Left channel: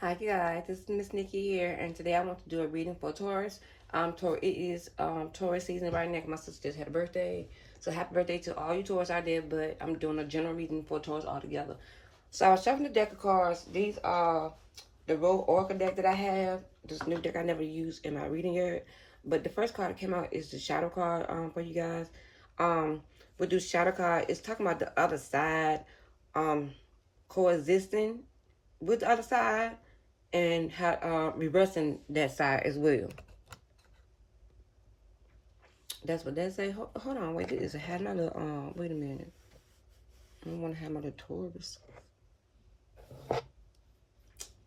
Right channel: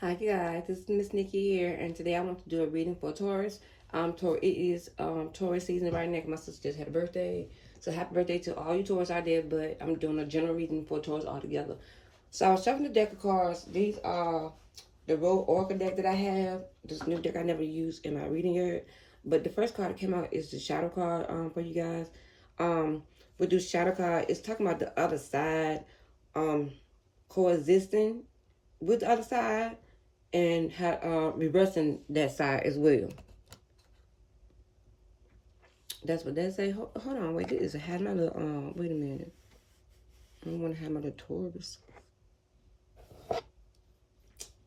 Hi guys, this is Miss Nikki here, and today I want to do a reading for Taurus. It is Taurus season right now. My sister just had a birthday, so happy birthday to all you Taurus out there. But I'm doing a general reading for Taurus altogether. So I was shuffling the deck of cards. These are the Royal Oracle deck that I have. This new deck I never used in my reading yet. But the first card that came out is the Shadow card for you guys. With this Shadow card, it's talking about the other side coexisting with the other side and how reversing that side as well. That's what they say. Hold on, wait, this is a had my little wait a minute. I don't want to have my little Taurus.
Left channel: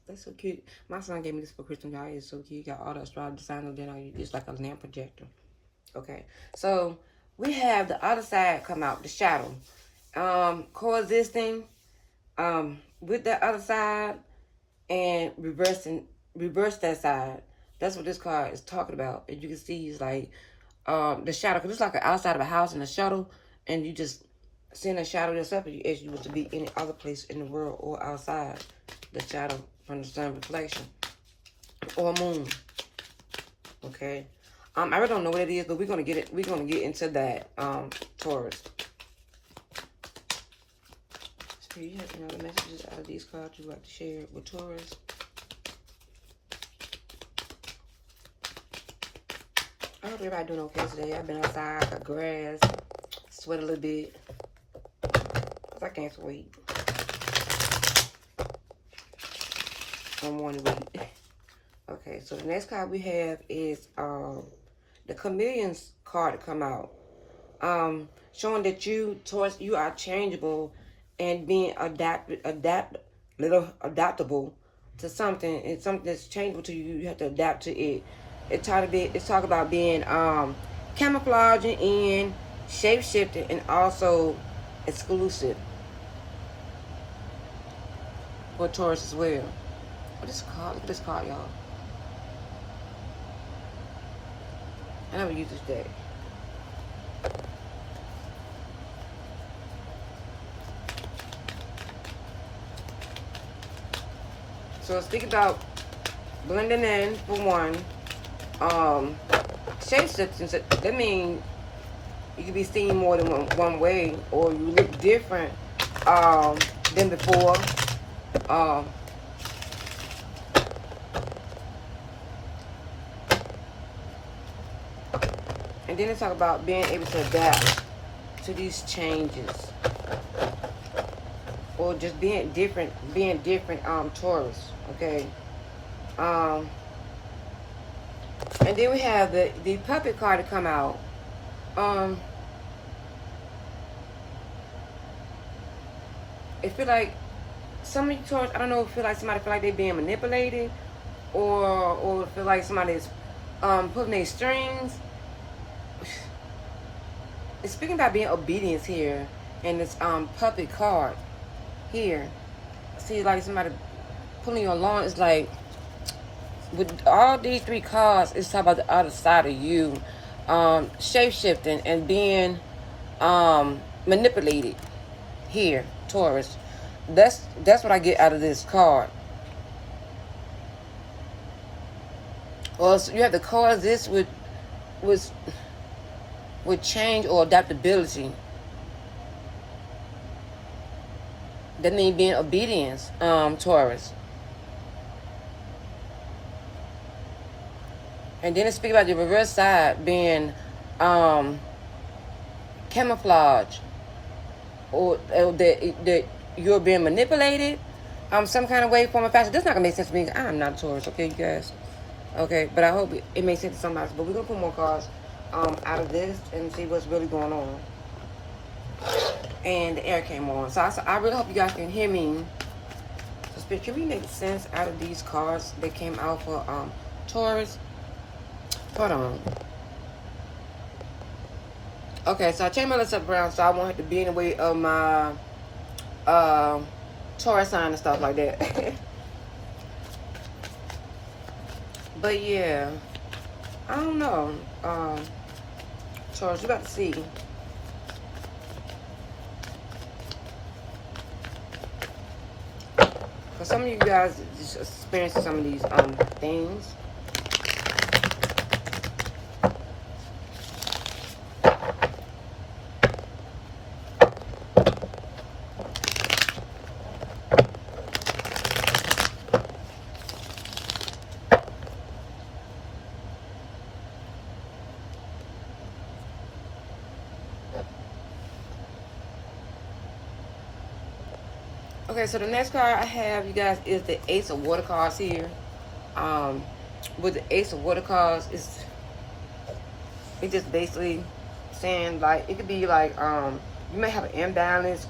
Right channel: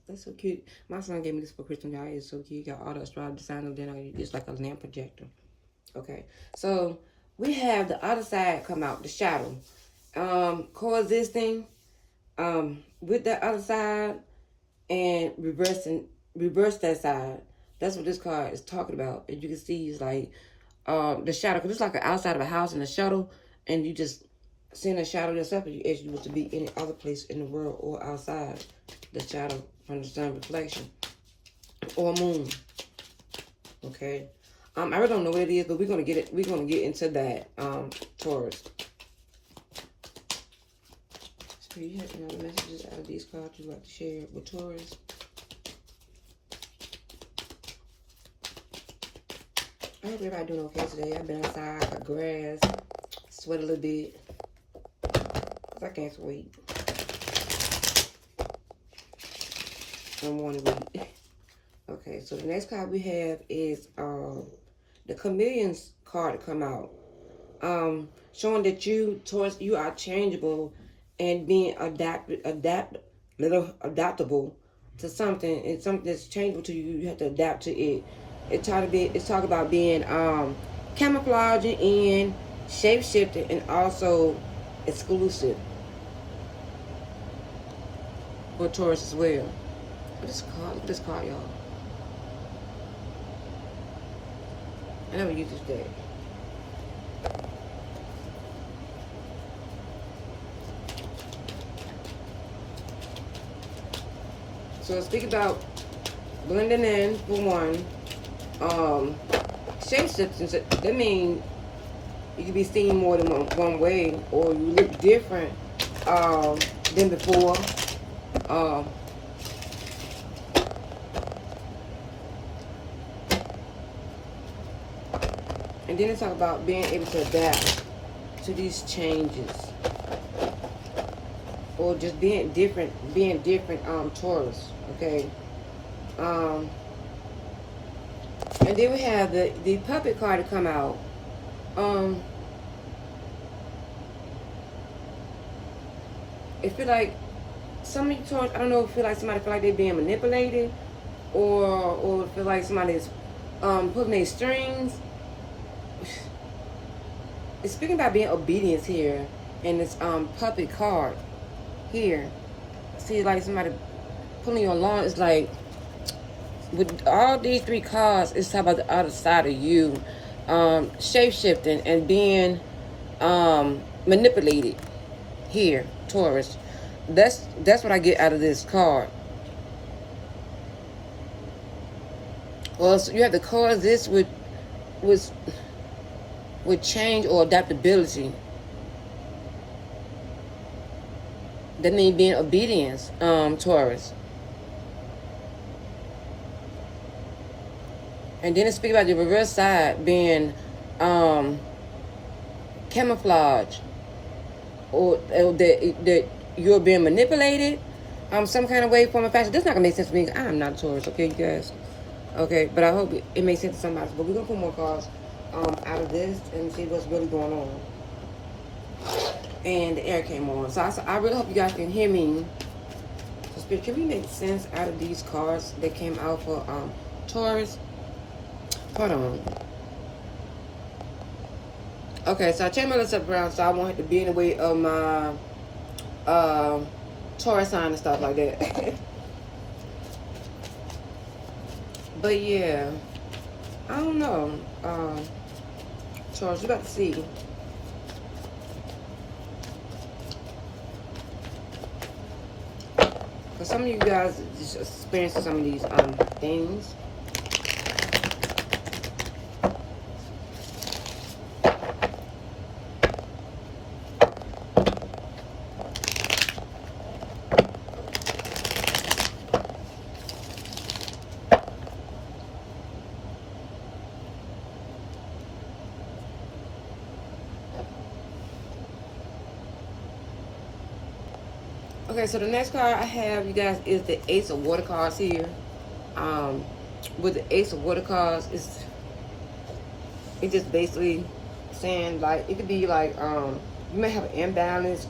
That's so cute. My son gave me this for Christmas, y'all. It's so cute. You got all the astrology signs and then it's like a lamp projector. Okay, so we have the other side come out, the shadow. Coexisting with that other side and reverse that side. That's what this card is talking about. As you can see, it's like the shadow, because it's like an outside of a house and a shadow, and you just seeing a shadow yourself as you was to be any other place in the world or outside the shadow from the sun reflection or moon. Okay. I really don't know what it is, but we're gonna get it. We're gonna get into that Taurus. So you have any other messages out of these cards you'd like to share with Taurus? I hope everybody doing okay today. I've been outside, got grass, sweat a little bit. Cause I can't wait. I'm wanting to wait. Okay, so the next card we have is the Chameleon's card to come out. Showing that you are changeable and being adaptable to something. It's something that's changeable to you. You have to adapt to it. It's talk about being camouflaging in, shape shifting, and also exclusive for Taurus as well. Look at this card, y'all. I never use this deck. So speak about blending in for one. Shape shifting, that means you can be seen more than one way, or you look different than before. And then it's talk about being able to adapt to these changes, or just being different, Taurus. Okay. And then we have the puppet card to come out. It feel like some of you Taurus, I don't know, feel like somebody feel like they're being manipulated, or feel like somebody's pulling their strings. It's speaking about being obedience here in this puppet card here. See, like somebody pulling you along. It's like with all these three cards, it's talking about the other side of you, shape-shifting and being manipulated here, Taurus. That's what I get out of this card. Well, so you have to coexist with change or adaptability. That means being obedience, Taurus. And then it speaks about the reverse side being camouflage, or that you're being manipulated some kind of way, form, or fashion. That's not gonna make sense to me. I'm not a Taurus, okay, you guys. Okay, but I hope it makes sense to somebody. But we're gonna put more cards out of this and see what's really going on. And the air came on, so I really hope you guys can hear me. So, Spirit, can we make sense out of these cards that came out for Taurus? Hold on. Okay, so I changed my list up around so I won't have to be in the way of my Taurus sign and stuff like that. But yeah, I don't know. Taurus, you about to see. Because some of you guys just experiencing some of these things. Okay, so the next card I have, you guys, is the Ace of Water cards here. With the Ace of Water cards, it's just basically saying, like, it could be like you may have an imbalance,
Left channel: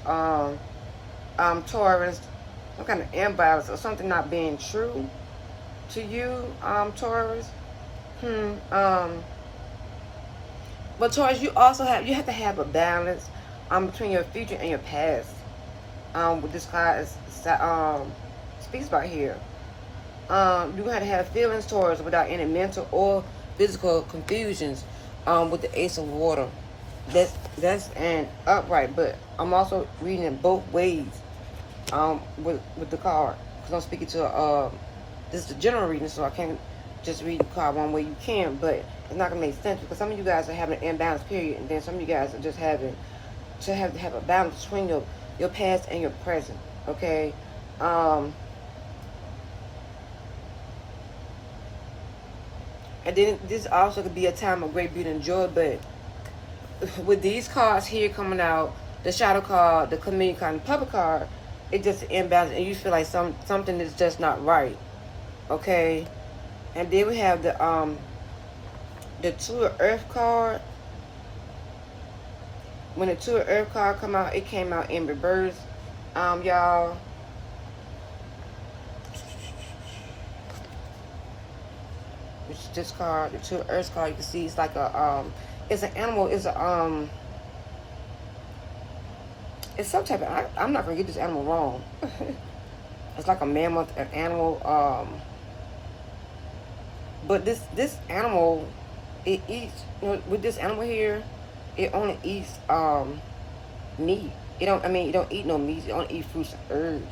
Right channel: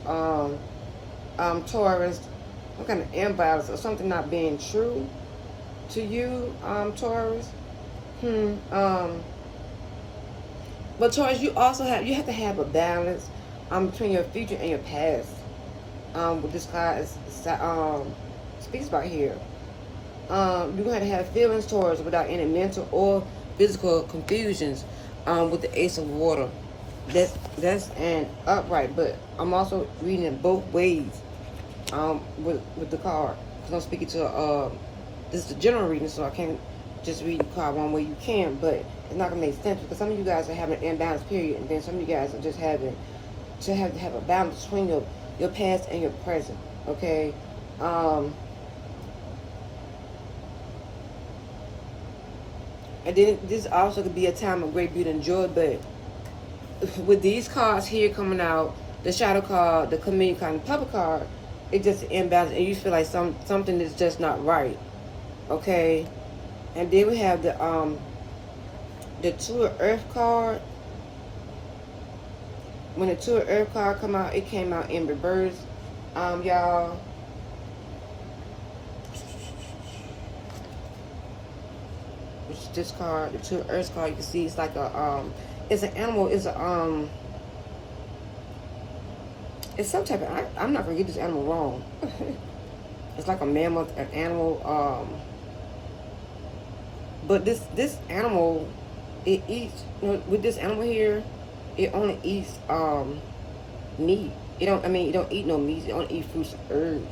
Taurus, some kind of imbalance or something not being true to you, Taurus. But Taurus, you have to have a balance between your future and your past. What this card speaks about here. You're going to have feelings towards without any mental or physical confusions with the Ace of Water. That's an upright, but I'm also reading it both ways with the card, because I'm speaking to this is the general reading, so I can't just read the card one way. You can, but it's not gonna make sense, because some of you guys are having an imbalanced period, and then some of you guys are just having to have a balance between your past and your present. Okay. And then this also could be a time of great beauty and joy, but with these cards here coming out, the shadow card, the community card, and the public card, it's just imbalance, and you feel like something is just not right. Okay. And then we have the Two of Earth card. When the Two of Earth card come out, it came out in reverse, y'all. Which is this card, the Two of Earth card. You can see it's like a it's an animal. It's a it's some type of. I'm not gonna get this animal wrong. It's like a mammoth, an animal. But this animal, it eats. You know, with this animal here, it only eats meat. It don't eat no meat. It only eat fruits and herbs.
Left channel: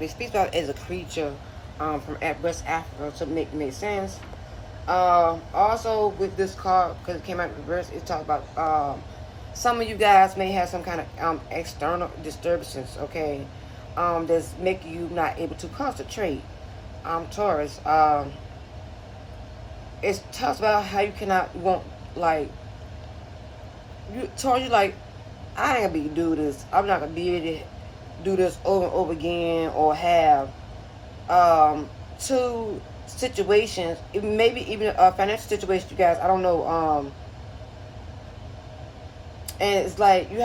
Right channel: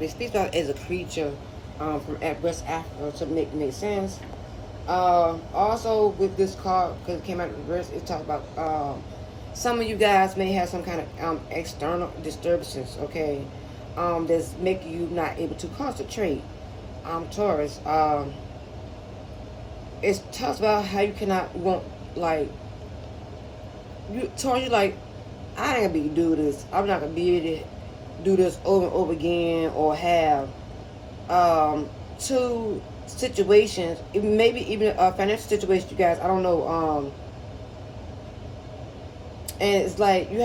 It speaks about it as a creature from West Africa, to make sense. Also with this card, because it came out in reverse, it talks about some of you guys may have some kind of external disturbances, okay, that's making you not able to concentrate. Taurus, it talks about how you Taurus, you like, I ain't gonna be able to do this. I'm not gonna be able to do this over and over again, or have two situations, maybe even a financial situation, you guys, I don't know, and it's like you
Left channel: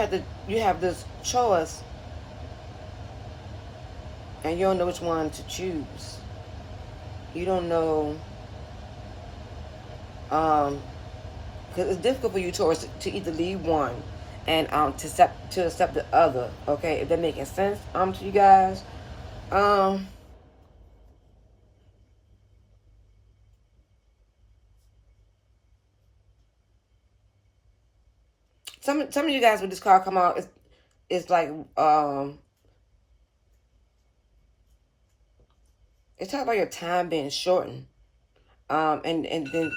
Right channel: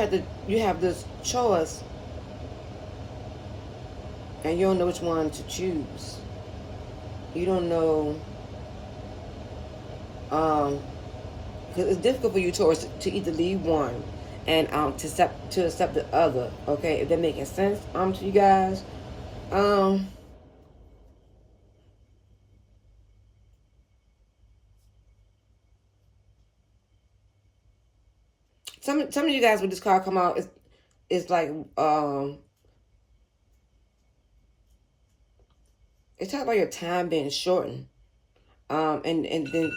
have this choice, and you don't know which one to choose. You don't know, because it's difficult for you, Taurus, to either leave one and to accept the other. Okay, if that making sense to you guys. Some of you guys with this card come out, it's like it's talking about your time being shortened. And then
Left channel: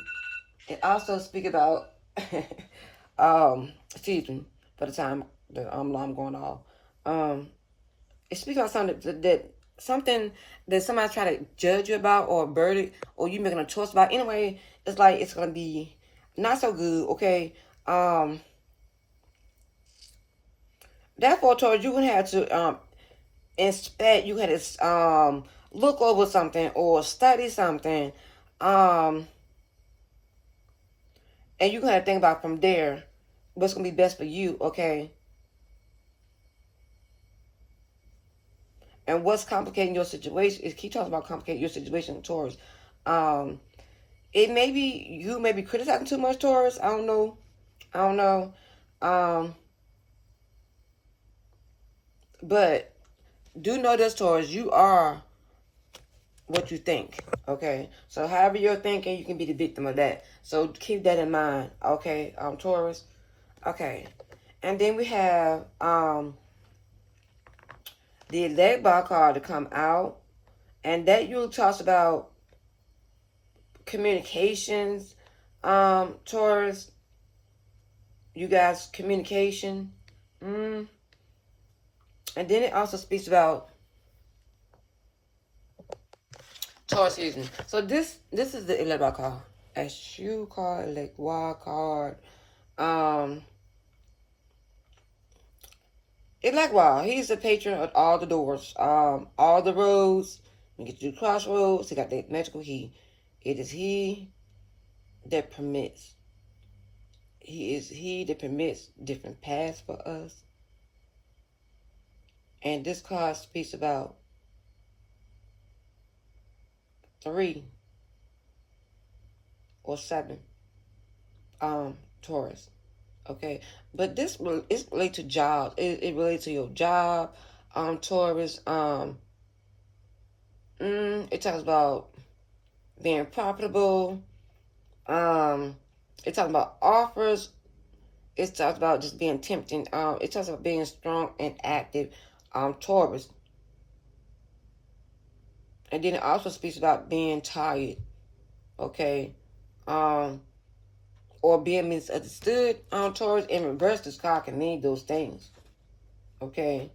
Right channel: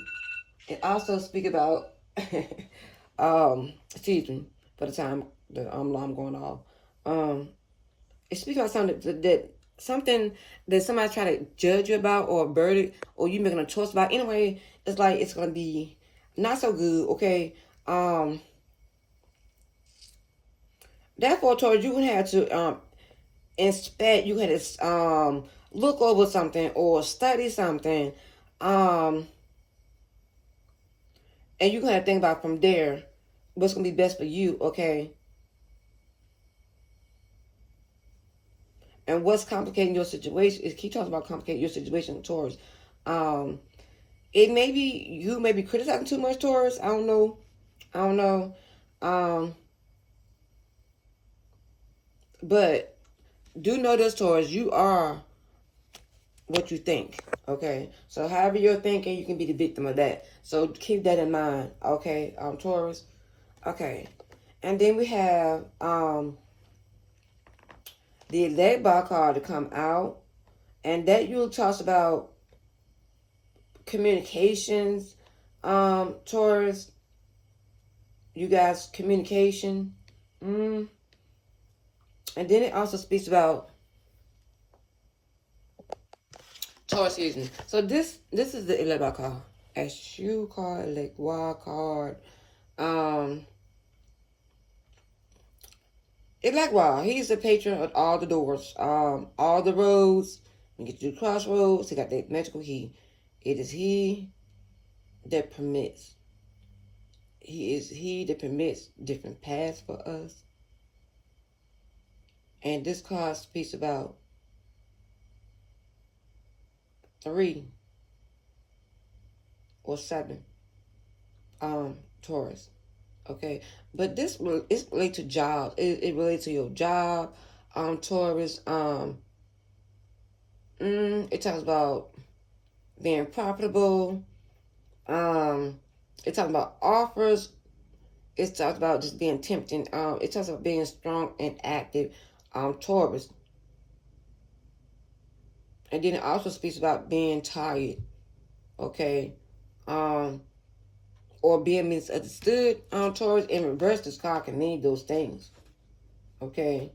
it also speak about excuse me for the time the alarm going off. It speaks about something that somebody try to judge you about, or a verdict, or you making a choice about. Anyway, it's like it's gonna be not so good. Okay. Therefore, towards you would have to inspect. You had to look over something or study something, and you gotta think about from there what's gonna be best for you. Okay. And what's complicating your situation is, keep talking about complicating your situation, Taurus. It may be you may be criticizing too much, Taurus. I don't know. But do know this, Taurus, you are what you think. Okay. So however you're thinking, you can be the victim of that. So keep that in mind. Okay, Taurus. Okay. And then we have the leg bar card to come out. And that usually talks about communications, Taurus. You guys, communication. And then it also speaks about Taurus season. So this is the leg bar card. A shoe card, leg wild card. It's wow, he's the patron of all the doors, all the roads. You get to the crossroads. He got that magical key. It is he that permits. He that permits different paths for us. And this card speaks about 3 or 7 Taurus. Okay, but this is related to jobs. It relates to your job, Taurus. It talks about being profitable. It talks about offers. It talks about just being tempting. It talks about being strong and active, Taurus. And then it also speaks about being tired. Okay, or being misunderstood, Taurus. In reverse, this card can mean those things. Okay.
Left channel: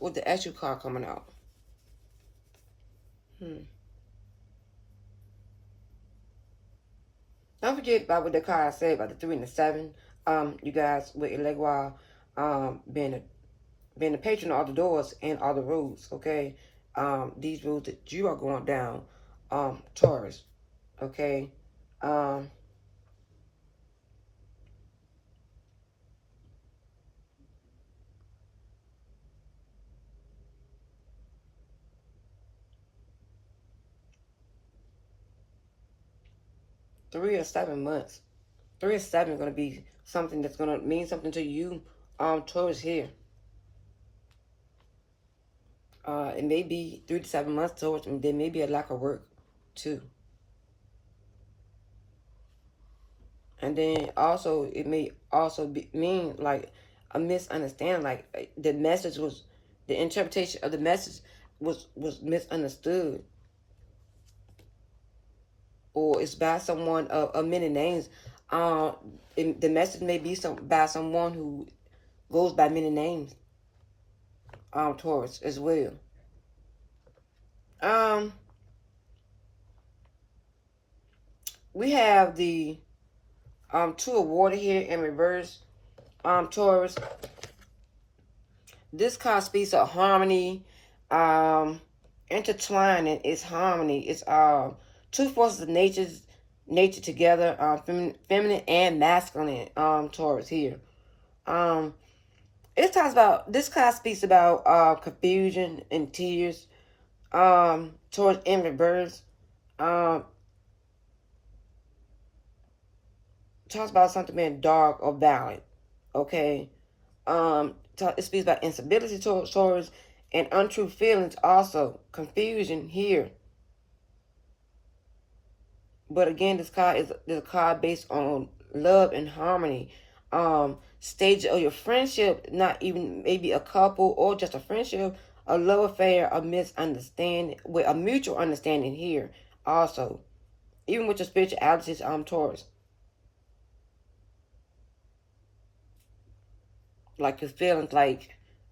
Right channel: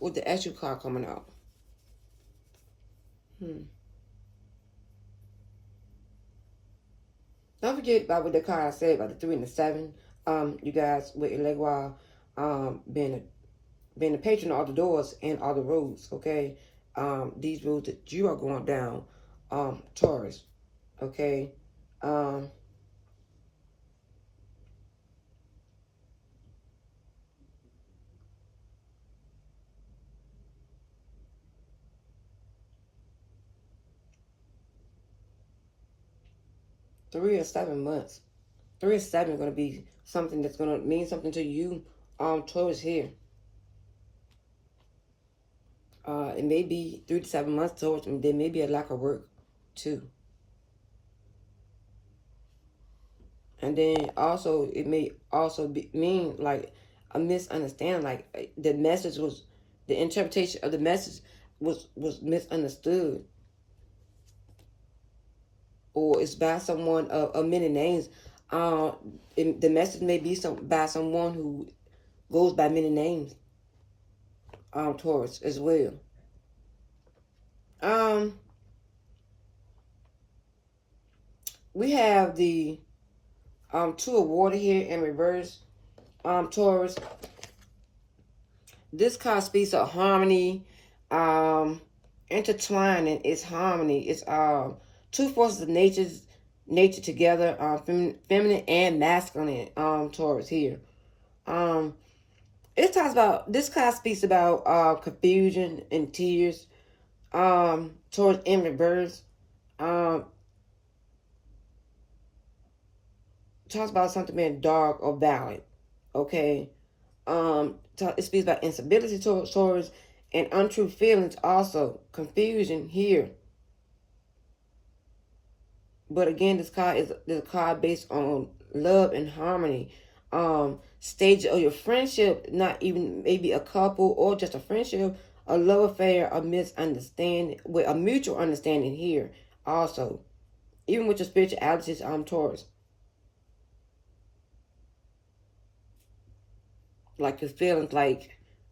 With the actual card coming out. Don't forget about what the card said about the 3 and the 7. You guys with Elegua, being the patron of all the doors and all the roads. Okay. These roads that you are going down, Taurus. Okay. 3 or 7 months. 3 or 7 is going to be something that's going to mean something to you, Taurus here. It may be 3 to 7 months, Taurus, and there may be a lack of work too. And then also, it may also mean like a misunderstanding, like the message was, the interpretation of the message was misunderstood. Or it's by someone of many names. The message may be by someone who goes by many names. Taurus as well. We have the 2 of water here in reverse. Taurus. This card speaks of harmony. Intertwining is harmony. It's 2 forces of nature together, feminine and masculine, Taurus here. It talks about, this card speaks about confusion and tears, Taurus in reverse. Talks about something being dark or violent. Okay. It speaks about instability, Taurus, and untrue feelings also. Confusion here. But again, this card is a card based on love and harmony. Stage of your friendship, not even maybe a couple or just a friendship, a love affair, a misunderstanding, with a mutual understanding here also. Even with your spiritualities, Taurus. Like your feelings, like,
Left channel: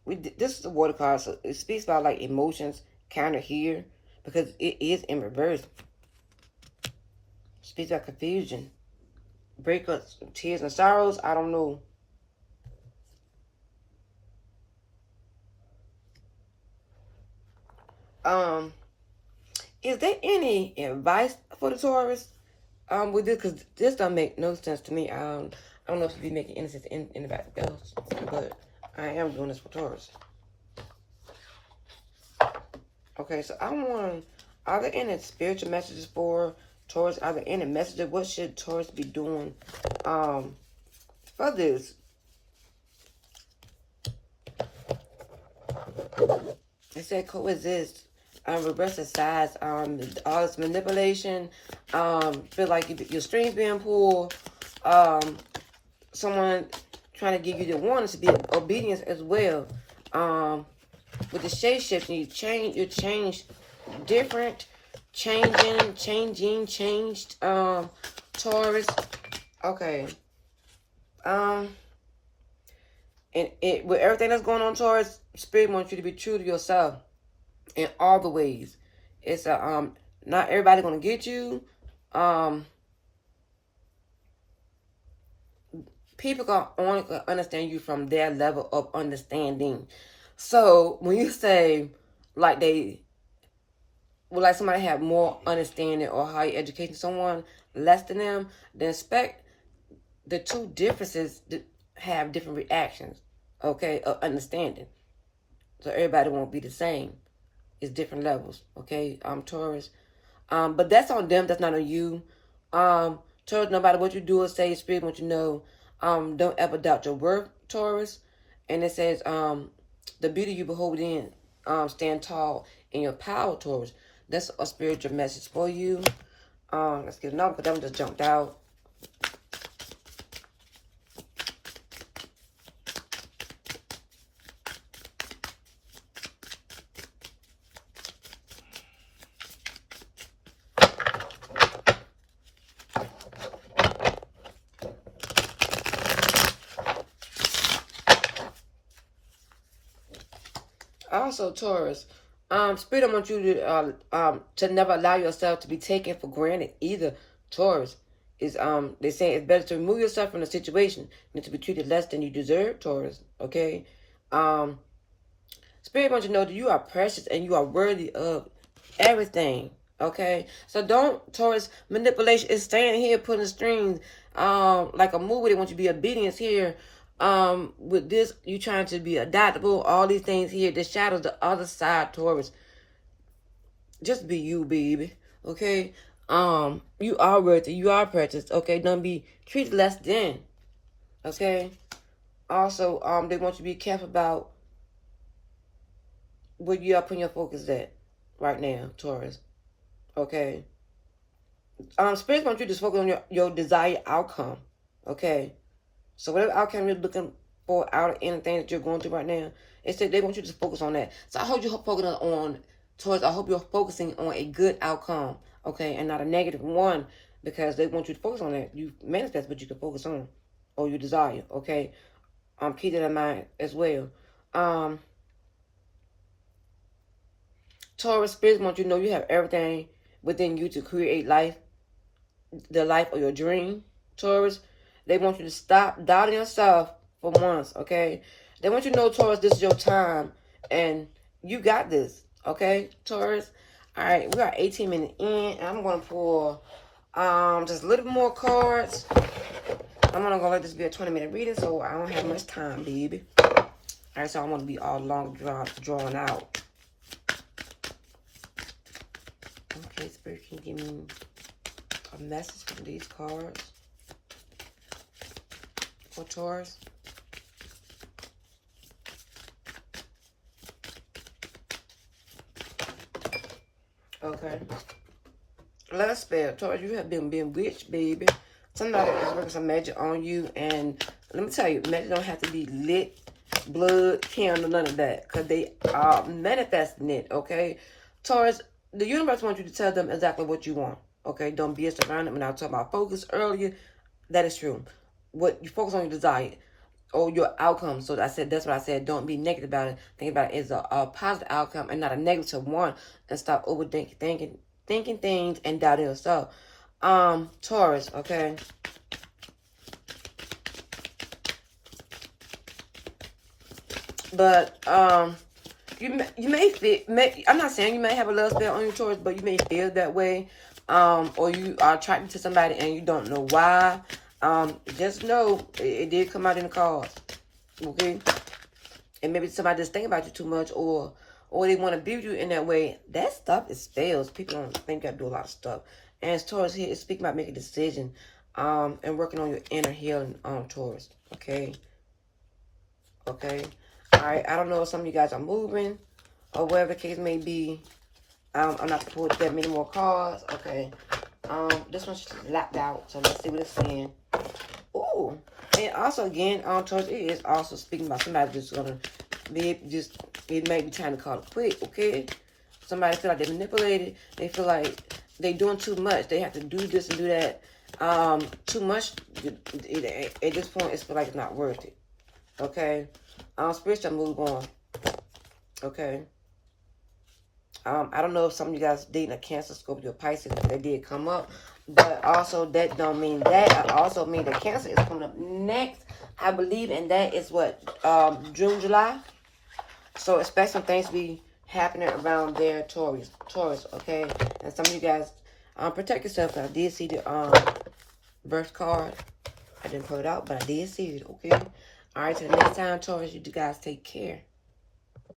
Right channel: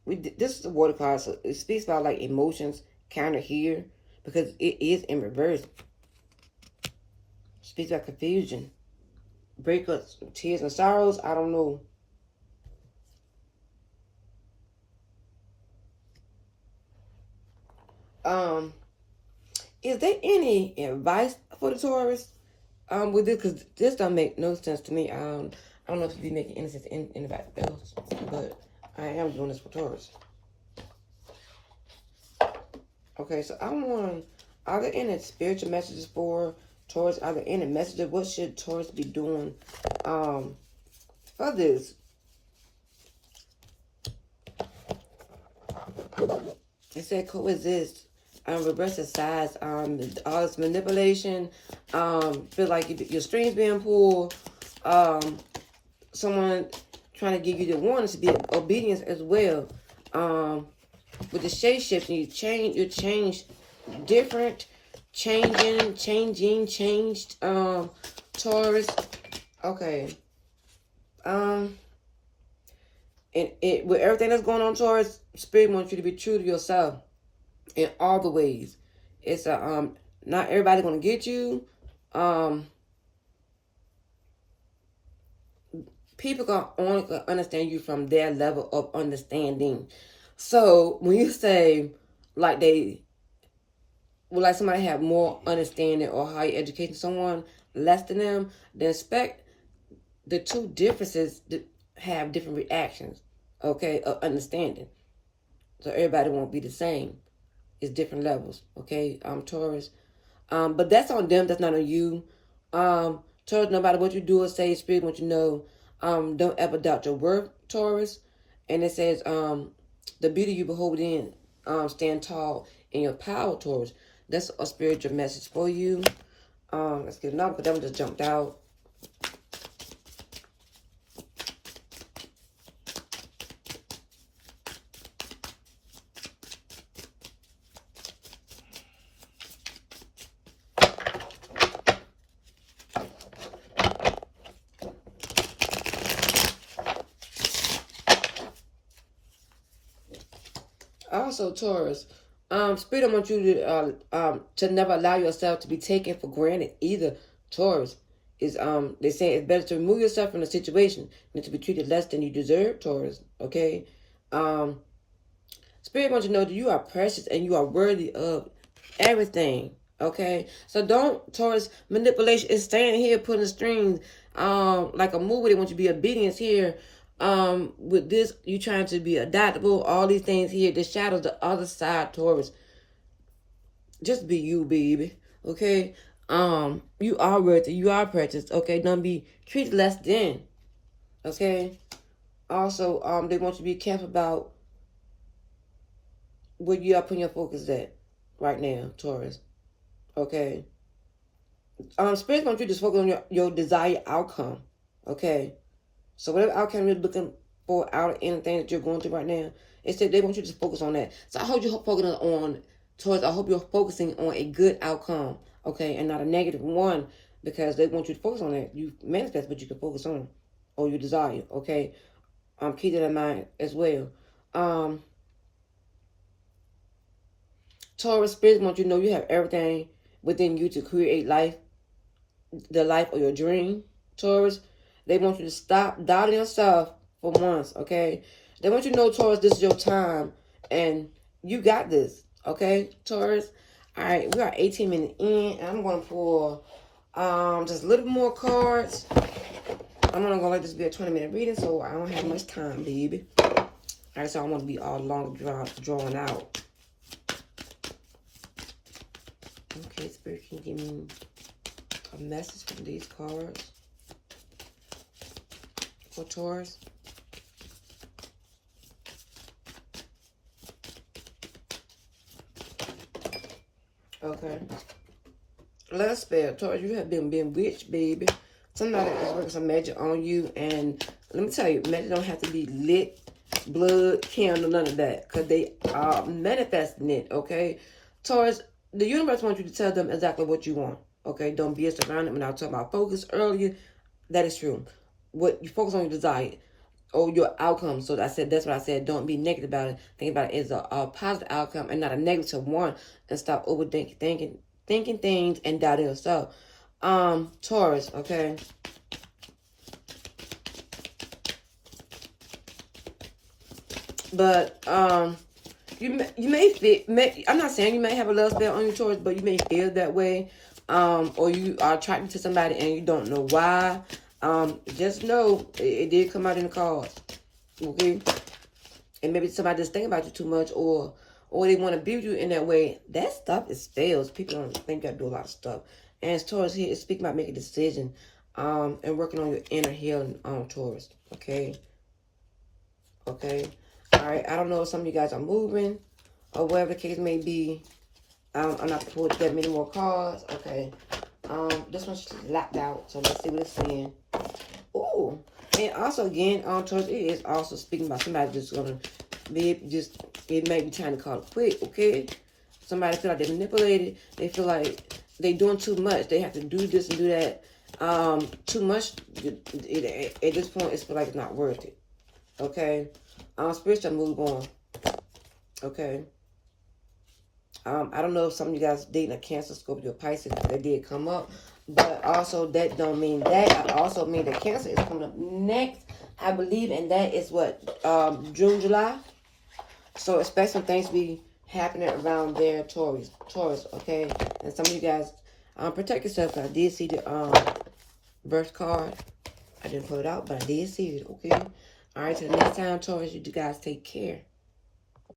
this is a water card, so it speaks about like emotions counter here because it is in reverse. Speaks about confusion, breakups, tears and sorrows. I don't know. Is there any advice for the Taurus with this? Because this don't make no sense to me. I don't know if it'd be making any sense to anybody else, but I am doing this for Taurus. Okay, so I want, are there any spiritual messages for Taurus? Are there any messages? What should Taurus be doing for this? It said coexist. Reverse the size. All this manipulation. Feel like your strings being pulled. Someone trying to give you the warning to be obedience as well. With the shape shifting, you change different, changed. Taurus. Okay. And with everything that's going on, Taurus, Spirit wants you to be true to yourself in all the ways. It's not everybody gonna get you. People can only understand you from their level of understanding. So when you say like like somebody have more understanding or higher education, someone less than them, then expect the two differences to have different reactions, okay, of understanding. So everybody won't be the same. It's different levels, okay, Taurus. But that's on them, that's not on you. Taurus, no matter what you do or say, Spirit wants you to know, don't ever doubt your worth, Taurus. And it says, the beauty you behold in, stand tall in your power, Taurus. That's a spiritual message for you. Let's get another, because that one just jumped out. Also, Taurus, Spirit wants you to never allow yourself to be taken for granted either. Taurus is they say it's better to remove yourself from the situation than to be treated less than you deserve. Taurus, okay. Spirit wants you to know that you are precious and you are worthy of everything. Okay, so don't, Taurus, manipulation is staying here putting strings. Like a movie, they want you to be obedience here. With this, you trying to be adaptable, all these things here, the shadows, the other side, Taurus. Just be you, baby. Okay? You are worthy, you are precious, okay? Don't be treated less than. Okay? Also, they want you to be careful about where you are putting your focus at right now, Taurus. Okay? Spirit wants you to just focus on your desired outcome. Okay? So whatever outcome you're looking for out of anything that you're going through right now, it said they want you to focus on that. So I hope you're focusing on I hope you're focusing on a good outcome, okay, and not a negative one, because they want you to focus on that. You manifest what you can focus on, or you desire, okay. Keep that in mind as well. Taurus, Spirit wants you to know you have everything within you to create life, the life of your dream, Taurus. They want you to stop doubting yourself for once, okay? They want you to know, Taurus, this is your time, and you got this, okay, Taurus? All right, we are 18 minutes in, and I'm going to pull just a little more cards. I'm going to let this be a 20-minute reading, so I don't have much time, baby. All right, so I want to be all long drawn out. Okay, Spirit, can you give me a message from these cards for Taurus? Okay. Last spell, Taurus, you have been bewitched, baby. Somebody is working some magic on you, and let me tell you, magic don't have to be lit, blood, candle, none of that, because they are manifesting it, okay? Taurus, the universe wants you to tell them exactly what you want, okay? Don't be around it. When I was talking about focus earlier, that is true. What you focus on your desire or your outcome. So I said, that's what I said. Don't be negative about it. Think about it as a positive outcome and not a negative one. And stop overthinking thinking things and doubting yourself. Taurus, okay. But you may feel, I'm not saying you may have a love spell on your Taurus, but you may feel that way. Or you are attracted to somebody and you don't know why. Just know it did come out in the cards, okay? And maybe somebody just think about you too much, or they want to view you in that way. That stuff is spells. People don't think you got to do a lot of stuff. And as Taurus here, it's speaking about making a decision, and working on your inner healing, Taurus, okay? Okay. All right, I don't know if some of you guys are moving or whatever the case may be. I'm not going to pull that many more cards. Okay. This one's lapped out, so let's see what it's saying. Ooh. And also, again, Taurus, it is also speaking about somebody that's going to be just, it may be trying to call it quit, okay? Somebody feel like they're manipulated. They feel like they're doing too much. They have to do this and do that. Too much, at this point, it's feel like it's not worth it, okay? Spiritual move on, okay? I don't know if some of you guys dating a Cancer, Scorpio, Pisces, but that did come up. But also, that don't mean that. I also mean that Cancer is coming up next, I believe, and that is what, June, July. So expect some things to be happening around there, Taurus, okay? And some of you guys, protect yourself. I did see the birth card. I didn't pull it out, but I did see it, okay? All right, till the next time, Taurus, you guys take care.